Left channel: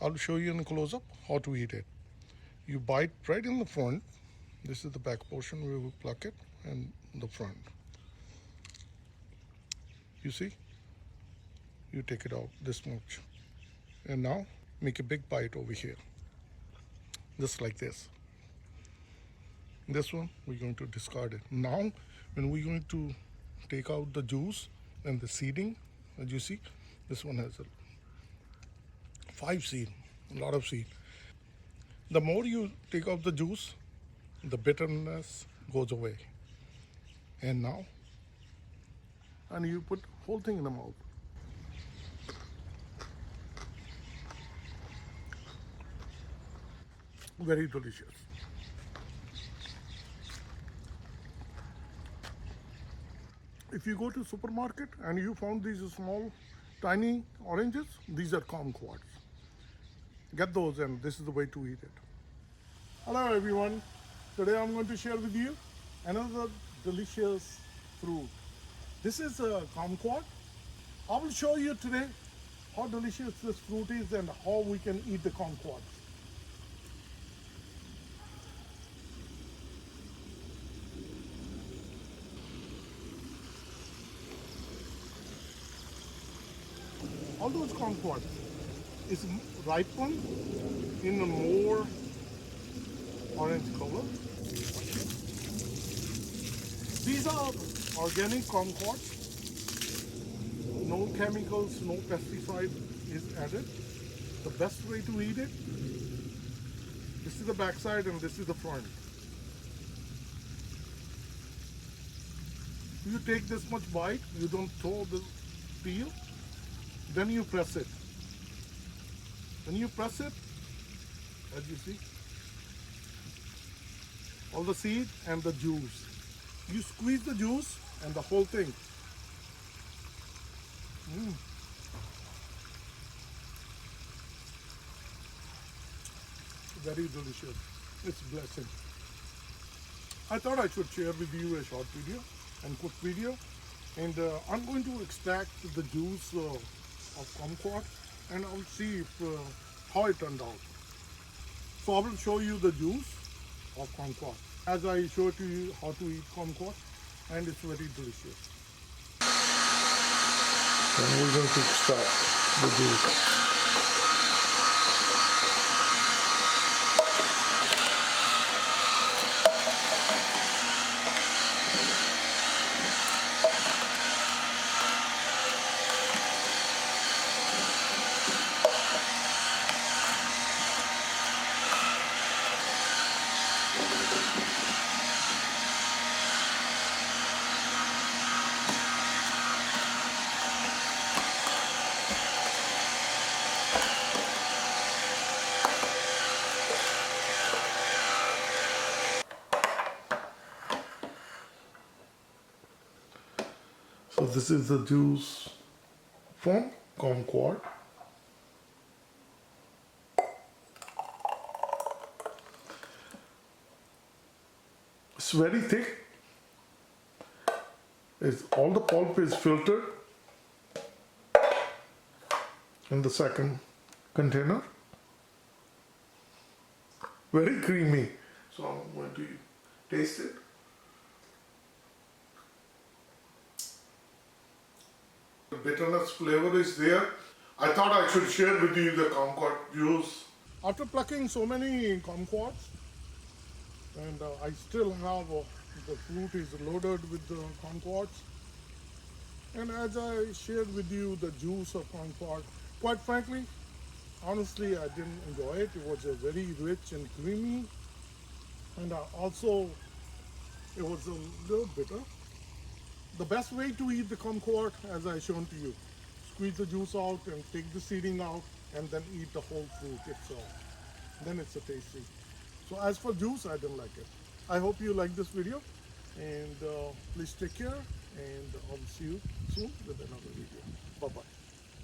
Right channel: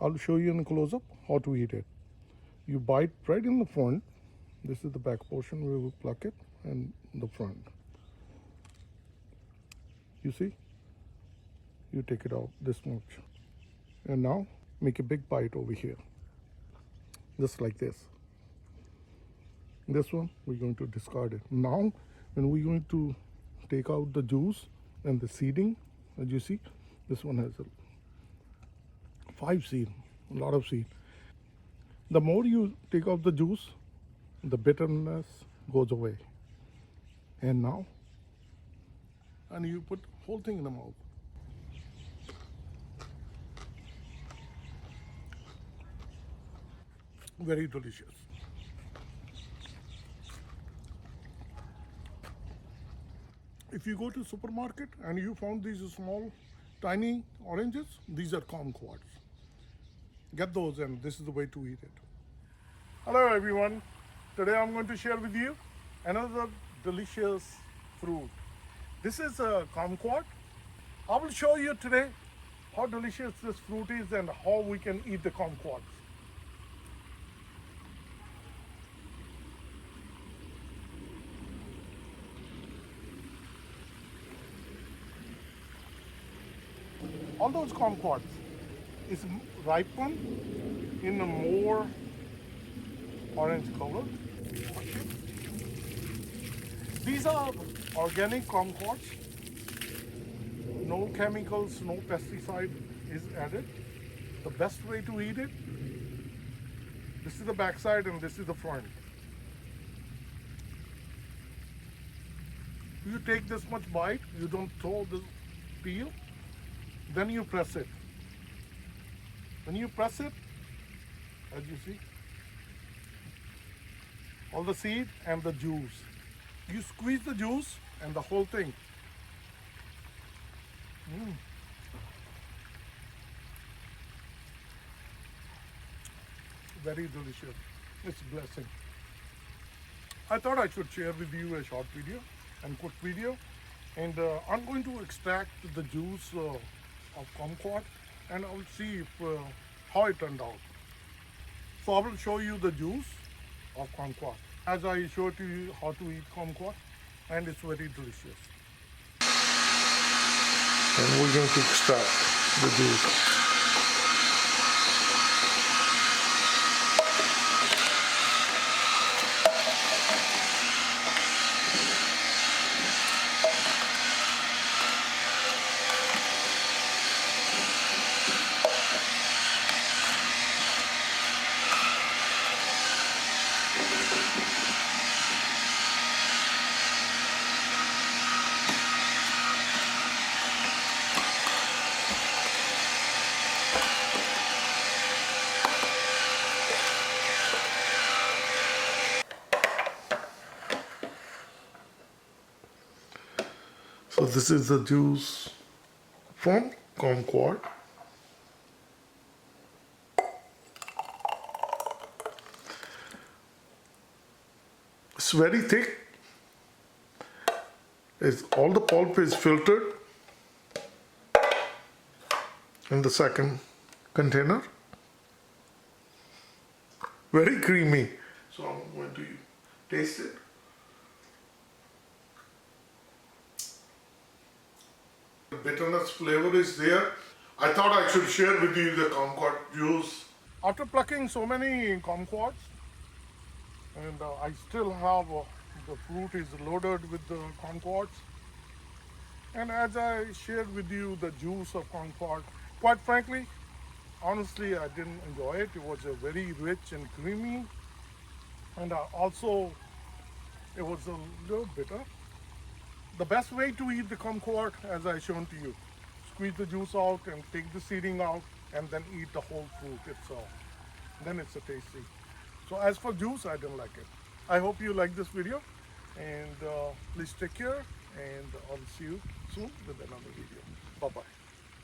I'll show you in a close-up how to eat it. You bite right in the front. This is the back portion. We will pluck it and the front. You see? You take it out this much. And now make a big bite over here. Just like this. This one, we're going to discard it. Now, when we're going to take out the juice and the seeding, as you see, this one has 5 seed, a lot of seed. The more you take out the juice, the bitterness goes away. And now, and you put whole thing in the mouth. Very delicious. If you go to supermarket and you found these small, tiny oranges, these are kumquats. Get those, and this is the way to eat it. Hello everyone. Today I'm going to share with you another delicious fruit. This is a kumquat. I will show you today how delicious this fruit is and how we can eat the kumquats. All those kumquats is ripened in a more orange color. These are organic kumquats. No chemicals, no pesticide is added. The best way to eat it, this is the backside and this is the front. You take this much bite, you don't throw the peel, then you press it. When you press it, as you see, all the seed and the juice. You squeeze the juice and the whole thing. Very delicious. It's a blessing. I thought I should share with you a short video and quick video. And I'm going to extract the juice of kumquat and I'll see if, how it turned out. So I will show you the juice of kumquat as I showed you how to eat kumquat, and it's very delicious. And we're going to extract the juice. So this is the juice from kumquat. It's very thick. All the pulp is filtered in the second container. Very creamy. So I'm going to taste it. The bitterness flavor is there. I thought I should share with you the kumquat juice. After plucking so many kumquats, and I still have the fruit is loaded with the kumquats. And as I shared with you the juice of kumquat, quite frankly, honestly, I didn't enjoy it. It was very rich and creamy, and also it was a little bitter. The best way to eat the kumquat, as I shown to you, squeeze the juice out and take the seeding out and then eat the whole fruit itself. Then it's a tasty. So as for juice, I didn't like it. I hope you like this video, and please take care, and I'll see you soon with another video. Bye-bye.